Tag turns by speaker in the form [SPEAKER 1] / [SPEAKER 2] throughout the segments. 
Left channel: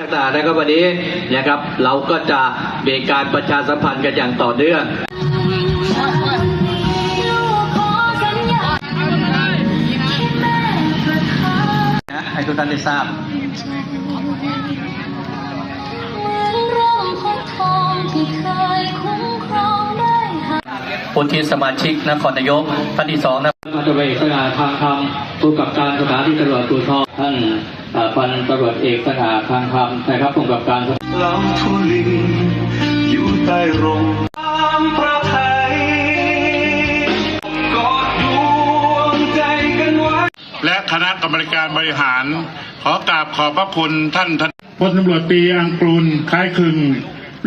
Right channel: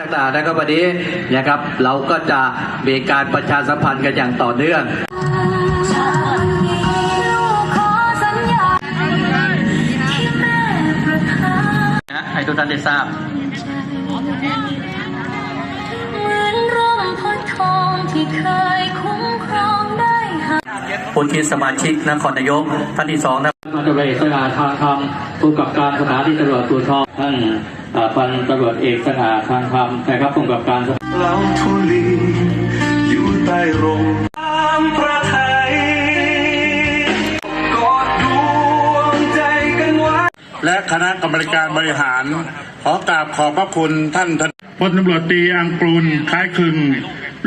[SPEAKER 1] ต่างๆนะครับวันนี้นะครับเราก็จะมีการประชาสัมพันธ์กันอย่างต่อเนื่อง
[SPEAKER 2] ฉันนี้ลูกขอสัญญาที่แม่ประทาน
[SPEAKER 1] ให้ทุกท่านได้ทราบ
[SPEAKER 2] ใจเหมือนร่มโพธิ์ทองที่เคย
[SPEAKER 1] ผู้ที่สมาชิกนครนายกท่านที่สองนะพันตำรวจเอกสง่าทางคำผู้กำกับการสถานีตำรวจภูธรท่านเอ่อพันตำรวจเอกสง่าทางคำนะครับผู้กำกับการ
[SPEAKER 3] ลำทุลีอยู่ใต้ร่มน้ำพระไทยกอดดวงใจกันไว้
[SPEAKER 4] และคณะกรรมการบริหาร ขอกราบขอบพระคุณท่านท
[SPEAKER 5] พลตำรวจตรีอังกรุลคล้ายคลึง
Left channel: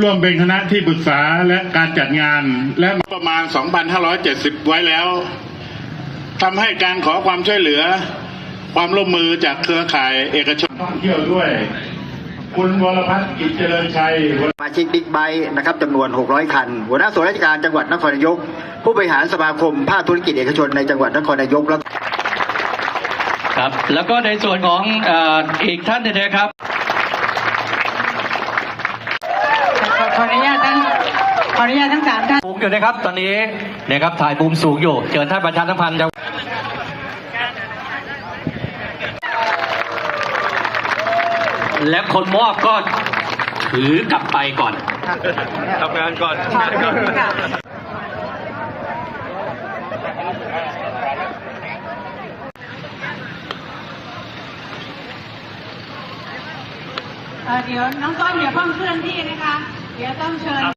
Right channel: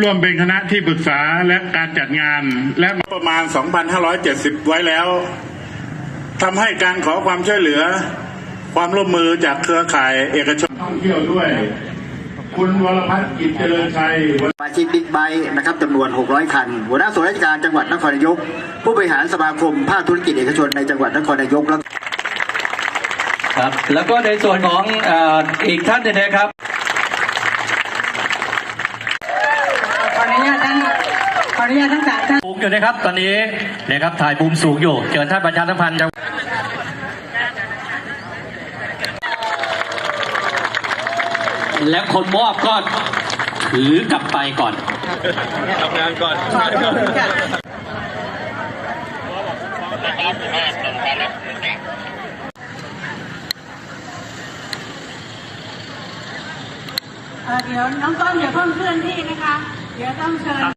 [SPEAKER 5] ร่วมเป็นคณะที่ปรึกษาและการจัดงาน และ
[SPEAKER 4] ประมาณ 2,570 ไว้แล้วทำให้การขอความช่วยเหลือ ความร่วมมือจากเครือข่ายเอกชน
[SPEAKER 5] ท่องเที่ยวด้วย คุณวรพัฒน์กิจเจริญชัย
[SPEAKER 6] สมาชิกบิ๊กไบค์นะครับจำนวน 600 คัน หัวหน้าส่วนราชการจังหวัดนครนายก ผู้บริหารสมาคมภาคธุรกิจเอกชนในจังหวัดนครนายกและ
[SPEAKER 1] ครับแล้วก็ในส่วนของเอ่ออีกท่านหนึงนะครับ
[SPEAKER 7] ขออนุญาตทั้งขออนุญาตทั้งสามท่าน
[SPEAKER 1] สูงอยู่นะครับ ตอนนี้นะครับถ่ายมุมสูงอยู่เชิญท่านประชาสัมพันธ์จะและคนมอบก็ถือกลับไปก่อน
[SPEAKER 7] เอ่อเดี๋ยวน้องต้นเดี๋ยวเพิ่มเคลื่อนที่นะคะ Ya, kan.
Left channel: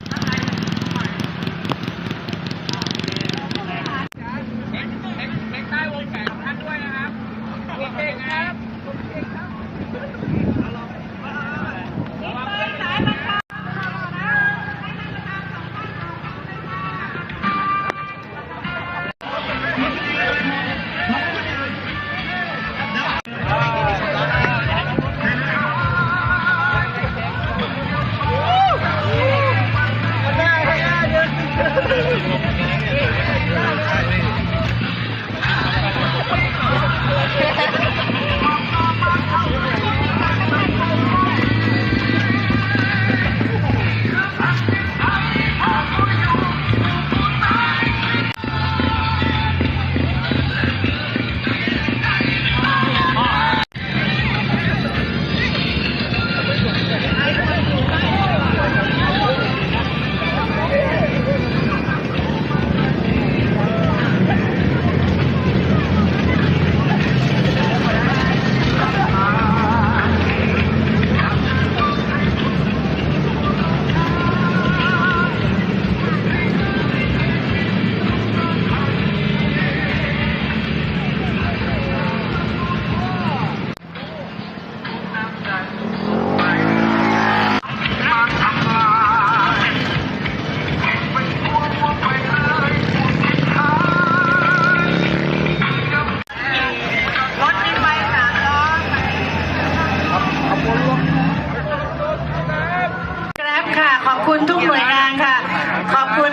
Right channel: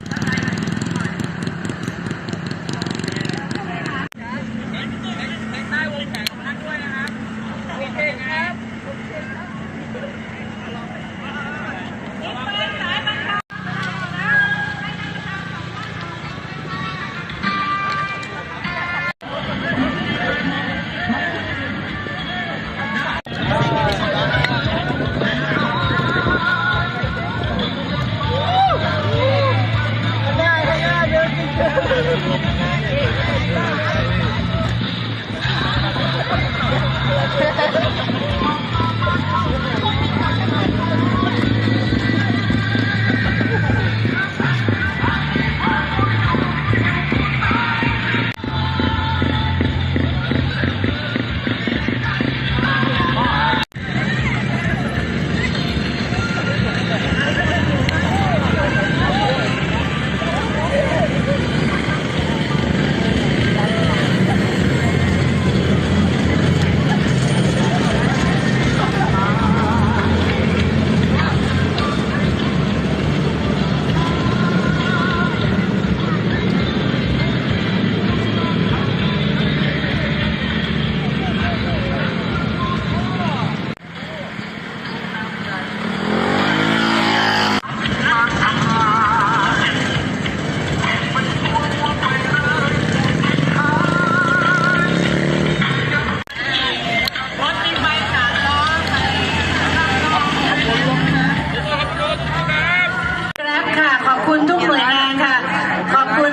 [SPEAKER 7] ทุกหน่วยงานค่ะ ขอบคุณ